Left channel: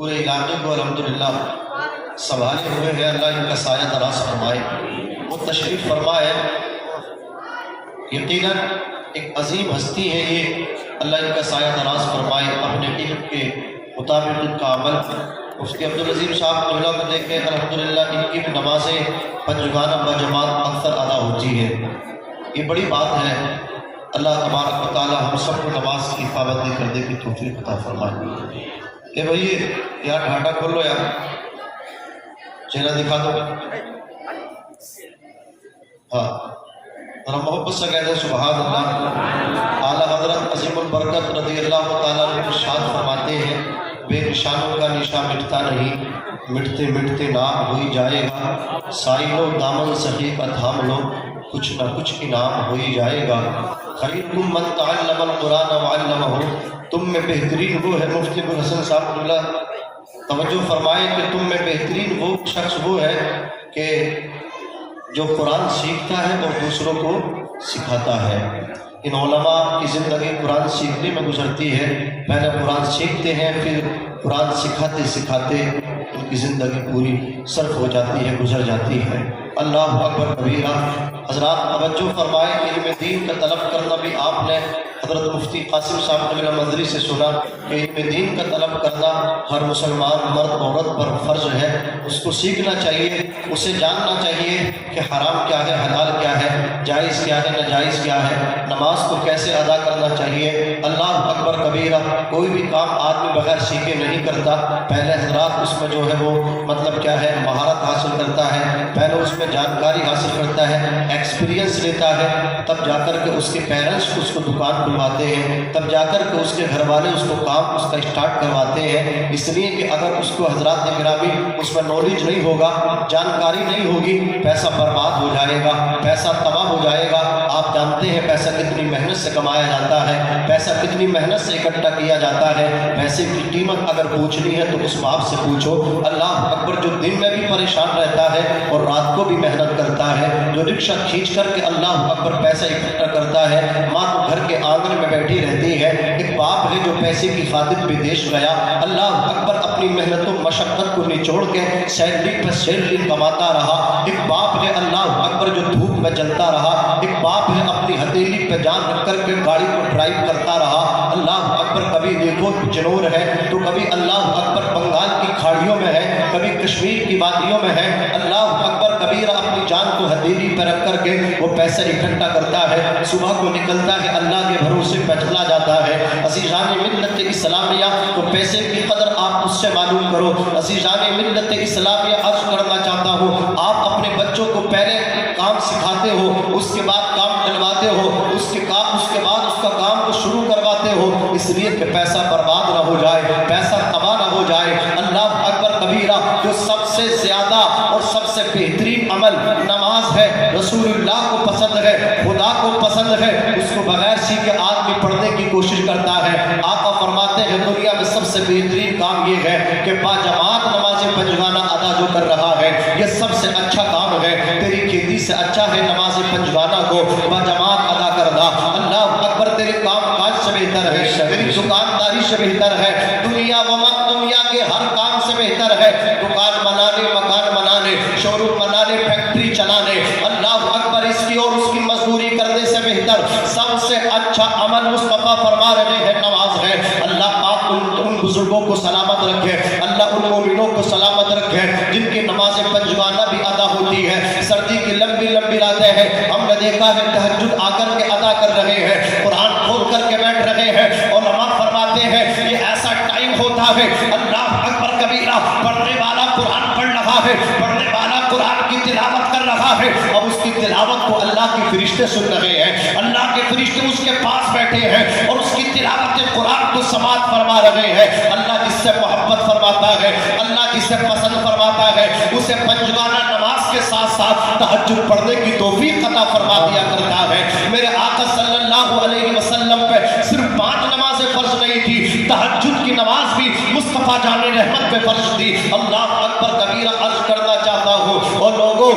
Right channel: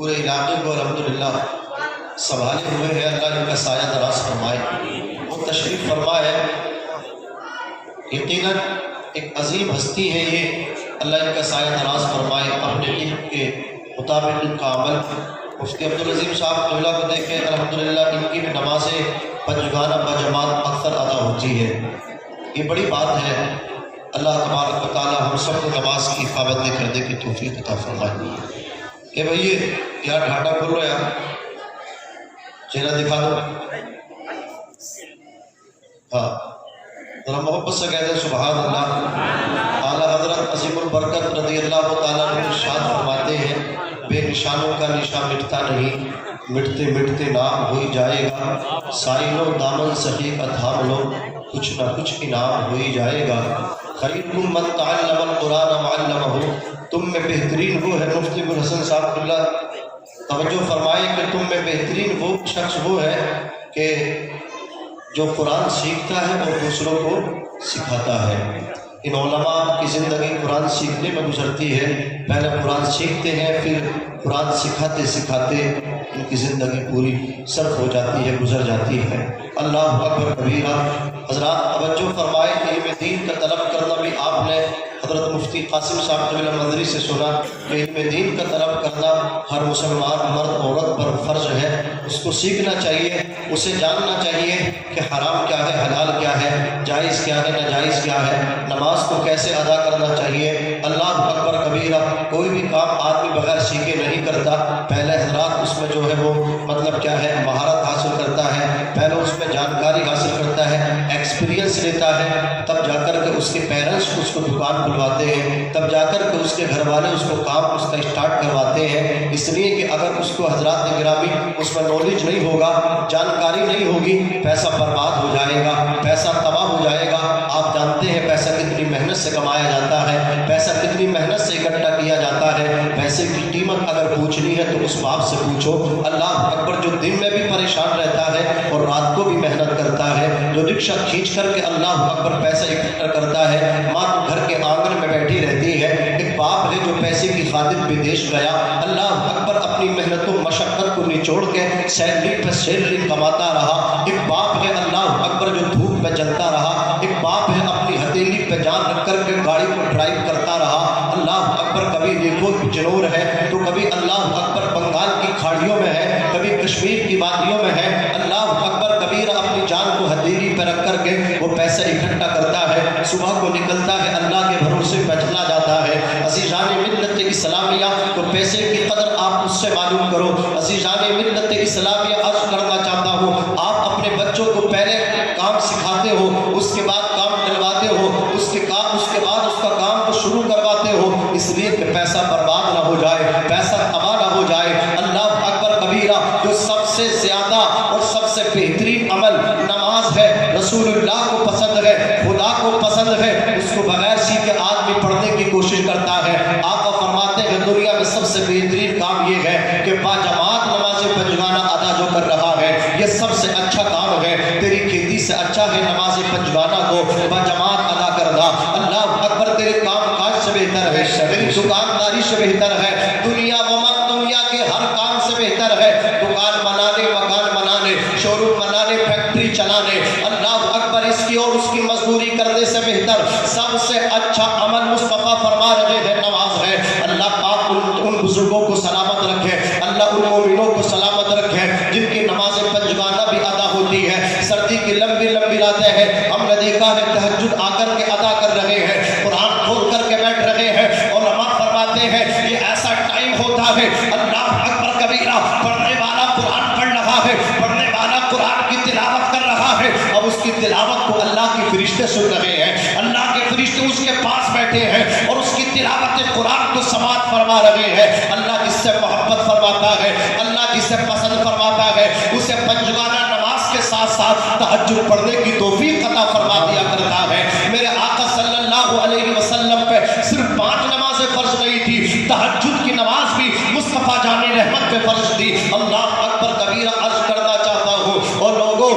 پورے علاقے کو الحمدللہ سنبھالے ہوئے ہیں، اللہ ان کا سایہ دراز فرمائے، وہ تشریف فرمائے۔ یقیناً ایک عظیم ہستی ہے یہ، اللہ ان کا سایہ دراز فرمائے، اپنے علم کے مطابق ان کا عمل۔ مفتی عبدالعظیم صاحب قبلہ کو دیکھیں، الحمدللہ ان کی بھی نمازیں پنجگانہ بجماعت اکثر ادا ہوتی ہے، یہ بڑی بات ہے۔ اللہ تبارک و تعالی ہم سب کو نماز کی پابندی کرنے کی توفیق عطا فرمائے۔ کہ بھئی یار ڈھاٹا کھول لو یار، چہرہ دکھا دو، ہاں ذرا محبت سے کہتے ہیں سبحان اللہ۔ اعلیٰ حضرت عظیم البرکت رضی اللہ تعالیٰ عنہ ارشاد فرماتے ہیں، بے نشانوں کا نشان مٹتا نہیں، مٹتے مٹتے نام ہو ہی جائے گا، سائلو دامن سخی کا تھام لو، کچھ نہ کچھ انعام ہو ہی جائے گا۔ خیرکم من تعلم القرآن وعلمہ، تم میں بہترین وہ ہے، مفتی ابوالحسن صاحب اللہ توجہ فرمائے کہ تم میں بہترین وہ شخص وہ ہے کہ جو قرآن سیکھتا ہے اور دوسروں کو سکھاتا ہے۔ ان علماء کی زندگی قرآن سیکھنے میں گزرتی ہے، پہلے قرآن سیکھتے ہیں، پھر قرآن سکھاتے سکھاتے ان کی زندگی پوری صرف ہو جاتی ہے، گزر جاتی ہے۔ اللہ اکبر کبیرہ۔ حضرات توجہ فرمائے کہ علم دین کا طلب کرنا بھی آپ نے حضرت مفتی قاسم صاحب قبلہ مدری سے سنا کہ علم دین کا طلب کرنا ہر مسلمان مرد عورت پر فرض ہے، اس کو سیکھنا چاہیے، اسے جاننا چاہیے کہ حرام کیا ہے، حلال کیا ہے، جائز کیا ہے، ناجائز کیا ہے، نماز کو کیسے ادا کرنا چاہیے۔ اللہ اکبر کبیرہ۔ کوئی بھی کام آدمی بغیر سیکھے نہیں کرتا، پہلے حضرات اس میں جو ہے وہ مطلب کیا ہے مہارت حاصل کرتا ہے، پہلے اس میں جانکاری حاصل کرتا ہے، ایکسپیرینس لیتا ہے، تب جا کر کے اس کے پیرنٹس اس کو دکان کھلواتے ہیں، تب جا کر کے اس کے گھر والے اس کو کام اس کا اسٹارٹ کرواتے ہیں۔ اس لیے کہ اگر اس کو حضرات گرامی اس میں نالج نہیں ہوگا، جانکاری نہیں ہوگی، پیسہ برباد ہو جائے گا، پیسہ تباہ ہو جائے گا۔ آپ جانتے ہیں پیسہ کتنی محنت سے کمایا جاتا ہے، پیسہ کتنی محنت سے اکٹھا کیا جاتا ہے، پیسے کی قیمت اگر پوچھنی ہے تو اس باپ سے پوچھو۔ اللہ اکبر۔ جو دن میں بھی پریشان رہتا ہے اور رات کو بھی محنت کرتا ہے، جو رکشہ کھینچ کر کے اللہ اکبر پیسہ اکٹھا کرتا ہے، ماں تو گھر کے آنگن میں بیٹھی رہتی ہے، ایک باپ ہے جو پیسے کی خاطر بدیش گیا، اللہ اکبر اپنی محنت و مشقت کو نچوڑ کے سیلری پر سیلری کماتا رہا، ایک باپ ہے اللہ اکبر جو دھوپ میں جلتا رہا، ایک باپ ہے اپنی ہتھیلی پہ جان رکھ کر کے گاڑی کو ڈرائیو کرتا رہا، اللہ اکبر۔ کبھی دیکھو بجنور ہے تو کبھی اللہ اکبر بنگال کی کھاڑیوں میں ہے، کبھی کشمیر کی وادیوں میں ہے، اللہ اکبر کبیرہ اپنی جان کو ہتھیلی پہ رکھ کر کے وہ پیسہ اکٹھا کرتا ہے، صبح کو نکلتا ہے، اللہ کے بھروسے پہ چلا جاتا ہے۔ عزیزان ملت اسلامیہ تو پیسے کی قدر آپ اس سے معلوم کرو۔ عزیزان ملت اسلامیہ عرض کرنا چاہتا ہوں، آپ اپنے بچوں کو پہلے کام سکھاتے ہو، اس کے بعد کام دلواتے ہو، اس کے بعد اس کا کام کو شروع کرواتے ہو، اس لیے کہ پیسہ برباد نہ ہو جائے، پیسہ تباہ نہ ہو جائے۔ اللہ اکبر کبیرہ۔ جو سب سے زیادہ اور سب سے بہترین عمل نماز ہے، رسول اللہ کو پسند ہے، خدا کو پسند ہے، اس کو بغیر سیکھے آدمی پڑھنے کی کوشش کرتا ہے۔ آقا فرماتے ہیں دنیا میں سب سے بہترین کام یہ ہے کہ باجماعت نماز پنجگانہ ادا جو کر رہا ہے، یہ سب سے اچھا کام ہے، تیری کھیتی سے اچھا ہے نماز پنجگانہ کو باجماعت ادا کرنا۔ اللہ اکبر۔ تیرے کام کاج سے بہتر ہے، تیری دکانداری سے بہتر ہے، دنیا دنیا کے ہر کام سے بہتر ہے، دکان بنانے، مکان بنانے، شو روم بنانے، فیکٹری چلانے، اللہ اکبر، اس کی اور اس کی مزدوری کرنے سے بہتر سب سے اچھا عمل مصطفیٰ فرما رہے ہیں نماز ہے۔ اللہ پاک ان بزرگوں کو سلامت رکھے، اللہ ان مومنوں کو سلامت رکھے جن کی نماز پنجگانہ بھی ادا ہوتی ہے۔ سردی کی لمبی لمبی راتیں ہیں، ہم نے دیکھا ہے تہجد آ کر کے ادا کر رہے ہیں، قرآن کھول کر کے بیٹھ رہے ہیں، علماء فرماتے ہیں یہ ایسا ٹائم ہوتا ہے، اللہ اکبر کبیرہ، پڑھنے والا قرآن پڑھ رہا ہے، پڑھنے والا قرآن کی تلاوت کر رہا ہے، اب اس کی تلاوت کو اللہ کے فرشتے سن رہے ہیں، اللہ کے فرشتے اس کے پاس بیٹھے ہیں اور اس کی تلاوت قرآن کو سماعت فرما رہے ہیں۔ اللہ جس سے محبت فرماتا ہے، اللہ جسے پسند فرماتا ہے، اسے پنجگانہ نماز کے ساتھ ساتھ تہجد پڑھنے کی توفیق عطا فرما دیا کرتا ہے۔ میرے آقا صلی اللہ علیہ وسلم پہ صرف 5 نمازیں فرض نہیں تھی، تہجد کی نماز بھی مصطفیٰ جان رحمت پہ فرض تھی۔ اللہ اکبر کبیرہ۔ عرض کرنا چاہتا ہوں اور لوگوں،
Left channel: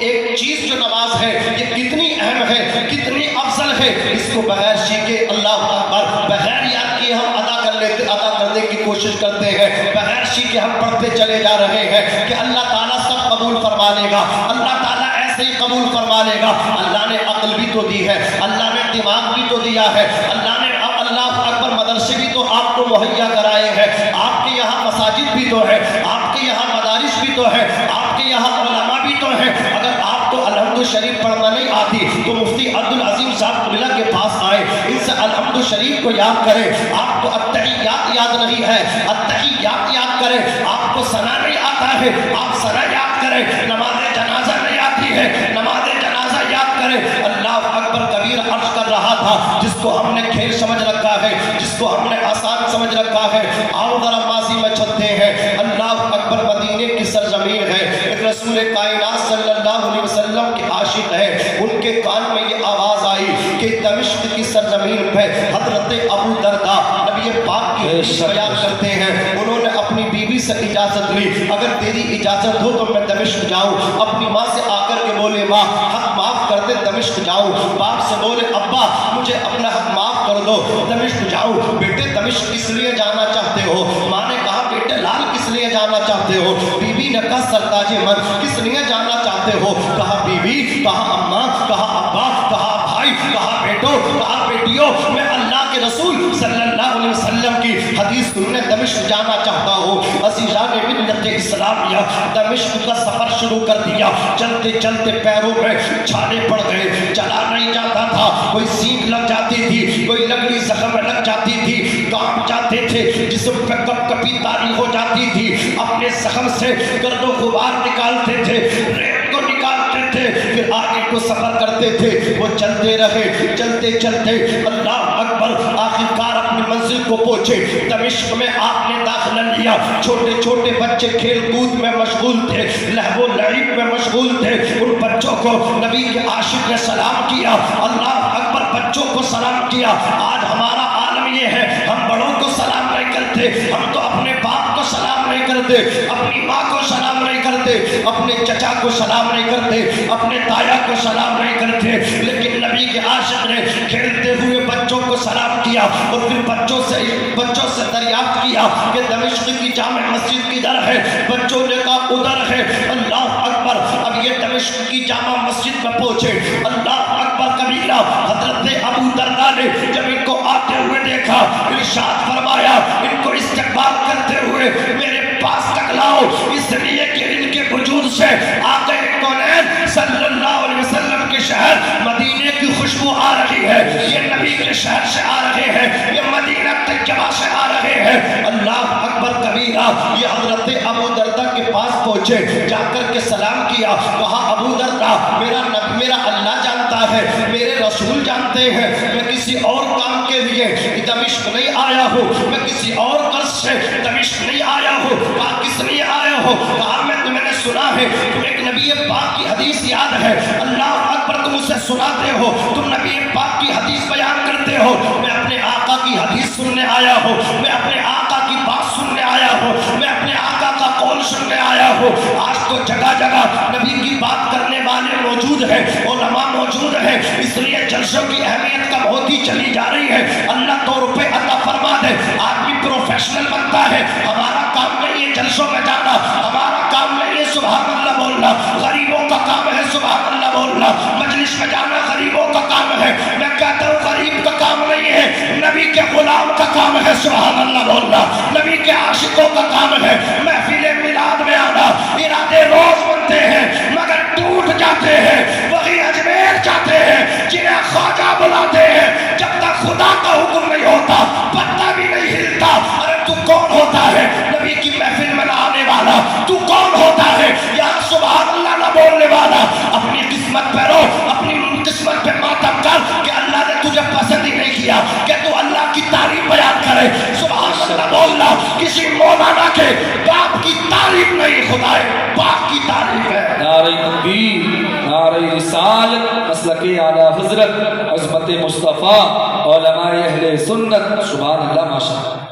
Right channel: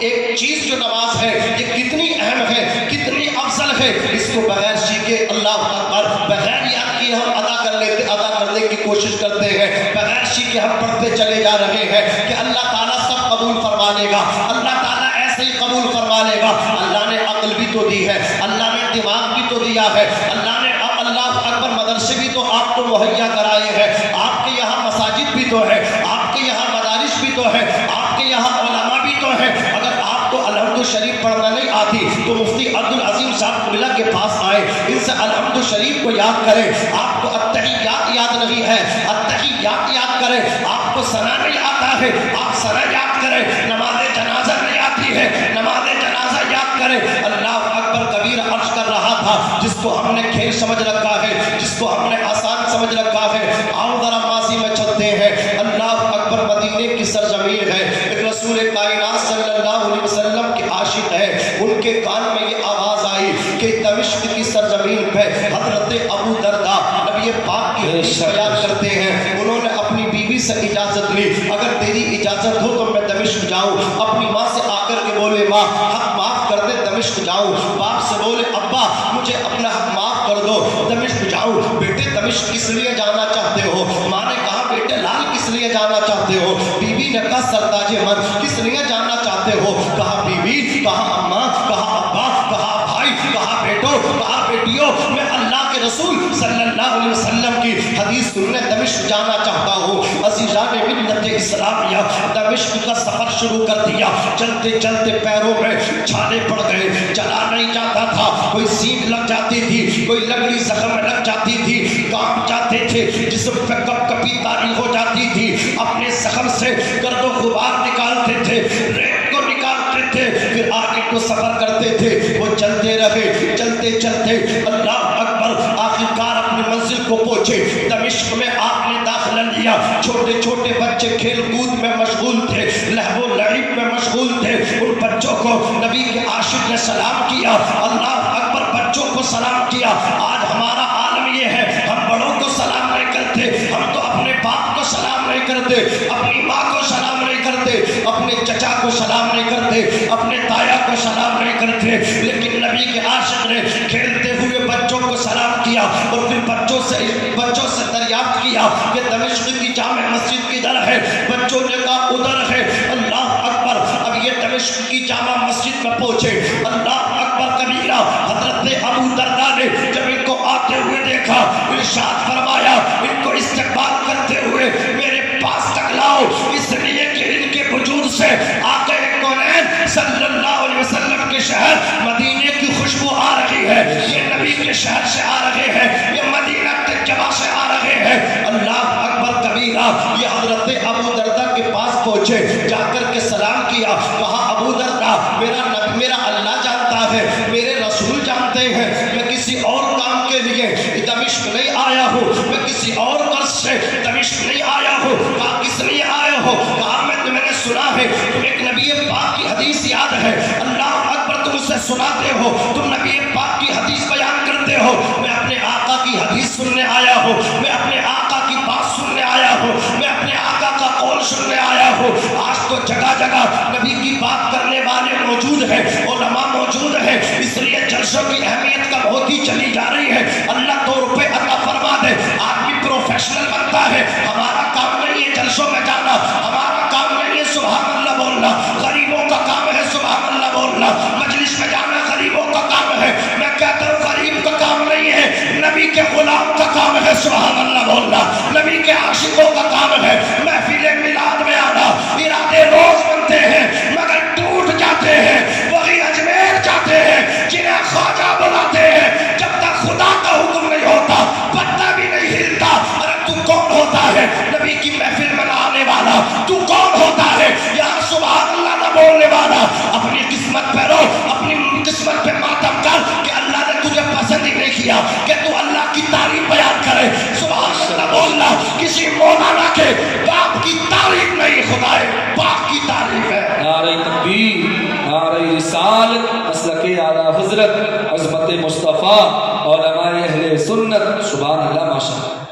ایک چیز جو نماز ہے یہ کتنی اہم ہے، کتنی افضل ہے، اس کو بغیر سیکھے اللہ اکبر بغیر یاد کیے ہم ادا کرنے کی کوشش کرتے ہیں، بغیر اچھی کہ ہم پڑھتے چلے جا رہے ہیں کہ اللہ تعالیٰ سب قبول فرما لے گا، اللہ تعالیٰ ایسے ہی قبول فرما لے گا۔ اللہ نے عقل بھی تو دی ہے، اللہ نے دماغ بھی تو دیا ہے، اللہ نے اللہ اکبر مدرسے بھی تو آپ کو مہیا کرائے ہیں، آپ کے یہاں مساجد بھی تو ہے، آپ کے یہاں مدارس بھی تو ہے، آپ کے یہاں علماء بھی تو ہے۔ اگر آپ کو الحمد شریف پڑھنا نہیں آتی تو مفتی عبدالعظیم صاحب اللہ کے پاس آئے، ان سے الحمد شریف کو یاد کریں۔ آپ کو التحیات یاد نہیں ہے، التحیات یاد کریں۔ آپ کو ثنا نہیں آتا ہے، آپ ثنا یاد کریں۔ نماز جنازہ نہیں آتی ہے، نماز جنازہ یاد کریں۔ اللہ اکبر کبیر عرض کر رہا تھا، جس کو ہم نے کھیل سمجھ رکھا ہے، جس کو ہم نے آسان سمجھ رکھا ہے، آؤ ذرا ماضی میں چلتے ہیں۔ اللہ اکبر مدینے کی سرزمین ہے، ایک رسول کائنات صلی اللہ علیہ وسلم کے عاشق ہے، ان کے کان میں یہ آواز آئی کہ دمشق کی سرزمین پہ حضرت ابو درداء نبی پاک کی حدیث بیان کرتے ہیں، انہوں نے اپنی بیوی سے اجازت لی، اگر تیری اجازت ہو تو میں دمشق جاؤں۔ اپنی ماں سے آ کر کے بولے ماں حق معاف کر دے، دمشق جاؤں۔ باپ سے بولے ابا مجھے اپنا حق معاف کر دو، دمشق جاؤں۔ بیٹے دمشق کس لیے جانا چاہتے ہو؟ ماں نے کہا بیٹے لال کس لیے جانا چاہتے ہو؟ بیوی نے کہا سرتاج من کس لیے جانا چاہتے ہو؟ کہا بیوی، کہا اماں، کہا ابا، کہا بھائی، کہا بیٹو، کہا بیٹیوں، میں اللہ کے رسول صلی اللہ علیہ وسلم کی حدیث سننے دمشق جانا چاہتا ہوں۔ عزیزان ملت اسلامیہ دمشق کا سفر شروع کر دیا، چلتے چلتے پیروں میں چھالے پڑ گئے، چلا نہیں جاتا تھا، کوئی سینگ لگ جاتی تھی، کوئی لگڑی زخم میں لگ جاتی تھی، کانپ جاتے تھے، جسم پہ کپ کپی تاری ہو جاتی تھی، اپنے زخم سے گرد و غبار نکالتے تھے، ریت کو نکالتے تھے، پھر آگے کو سفر کرتے تھے۔ وہ چلتے رہے، چلتے چلتے اللہ اکبر آخرکار اپنی منزل کو پہنچے۔ دمشق میں آپ نے داخلہ لیا، چھوٹے چھوٹے بچے کھیل کود میں مشغول تھے، لہو و لعب میں مشغول تھے، ان بچوں کو نبی کے عاشق نے سلام کیا، اللہ اکبر بچوں کو سلام کیا۔ آج ہمارا عالم یہ ہے، ہم بڑوں کو سلام نہیں کرتے، ہم تو اپنے باپ کو سلام نہیں کرتے، اپنی ماں کو سلام نہیں کرتے، اپنے چچا کو سلام نہیں کرتے، اپنے تایا کو سلام نہیں کرتے، لیکن نبی کے عاشق نے کھیلتے ہوئے بچوں کو سلام کیا، اور پھر بچوں سے دریافت کیا کہ دمشق کی جامع مسجد کدھر ہے؟ بچوں نے کہا ادھر ہے۔ اللہ اکبر، اب یہ دمشق کی جامع مسجد میں پہنچے، اللہ اکبر کبیرہ، حضرت ابو درداء نے جب ان کو آتے ہوئے دیکھا، ارشاد فرمایا ان کو استقبال کرتے ہوئے میرے پاس تک لاؤ، اس لیے کہ ان کے وجود سے آقا کونین صلی اللہ علیہ وسلم کے شہر مدینے کی خوشبو آ رہی ہے، یہ نبی کے شہر سے آ رہے ہیں، یہ مدینہ طیبہ سے آ رہے ہیں۔ اللہ اکبر کبیرہ، یہ حضرت ابو درداء کے پاس پہنچے، جا کر کے سلام کیا، کہا ابو درداء میرا اللہ جانتا ہے، میرے رسول جانتے ہیں، میں کسی اور کام کے لیے دمشق نہیں آیا ہوں، میں کسی اور غرض سے دمشق نہیں آیا ہوں۔ کہا کس لیے آیا ہو؟ کہا میں نے سنا ہے تم ایک نبی پاک کی حدیث یاد ہے، اللہ اکبر تم اسے سناتے ہو، تم نبی پاک کی حدیث بیان کرتے ہو، میں اپنے آقا کی حدیث سننے آیا ہوں، میں اپنے آقا کی بات سننے آیا ہوں، میں اپنے آقا کا قول سننے آیا ہوں۔ آج تو جگہ جگہ نبی کی بات کرنے والے موجود ہیں، علماء موجود ہیں، اس لیے جلسوں کی اہمیت کم ہوتی چلی جا رہی ہے۔ اللہ تو روپے عطا فرما دے، آدمی پروفیشنل بنتا ہے، ہمارا کام نہیں ہے جلسوں میں جانا، ہمارا کام نہیں ہے سبحان اللہ بولنا، غریبوں کا کام ہے سبحان اللہ بولنا، مجلس میں جانا غریبوں کا کام ہے، میں کہتا ہوں غریب کا کام نہیں ہے، نبی کے غلام کا کام ہے سبحان اللہ بولنا، نبی کے عاشقوں کا کام ہے۔ محفل میلاد میں آنا، ارادے روز بنتے ہیں مگر ٹوٹ جاتے ہیں، وہی اجمیر جاتے ہیں جنہیں خواجہ بلاتے ہیں، جب تک خدا کا حکم نہیں ہوتا پتہ بھی نہیں ہلتا۔ ارے تو کون ہوتا ہے نبی کی محفل میں نہ آنے والا؟ تو کون ہوتا ہے یہاں سبحان اللہ نہ بولنے والا؟ اپنی قسمت پہ رو، اپنی قسمت پہ ماتم کر کہ اللہ نے تجھے پسند ہی نہیں کیا کہ تو اللہ کی تعریف بیان کرے، سبحان اللہ بولنا۔ کسی مولانا کے باپ کی تعریف نہیں، خدا پاک کی تعریف ہے۔ نعرہ تکبیر، نعرہ رسالت، مسلک اعلیٰ حضرت عظمت مصطفیٰ، علماء اہل سنت، سبحان اللہ ماشاءاللہ۔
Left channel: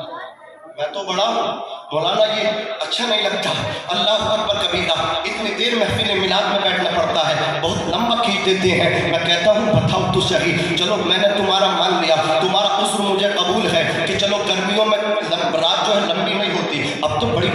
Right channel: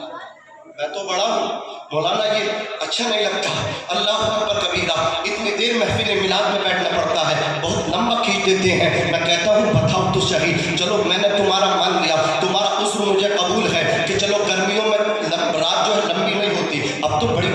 میں تو بڑا ہوں مولانا، یہ اچھا نہیں لگتا، اللہ اکبر کبیرہ، اتنی دیر محفل میلاد میں بیٹھنا پڑتا ہے، بہت لمبا کھینچ دیتے ہیں۔ میں کہتا ہوں بتاؤ تو صحیح، چلو میں نے تمہارا مان لیا، تمہارا عذر مجھے قبول ہے کہ چلو گرمیوں میں رات جو ہے لمبی نہیں ہوتی، اب تو بڑی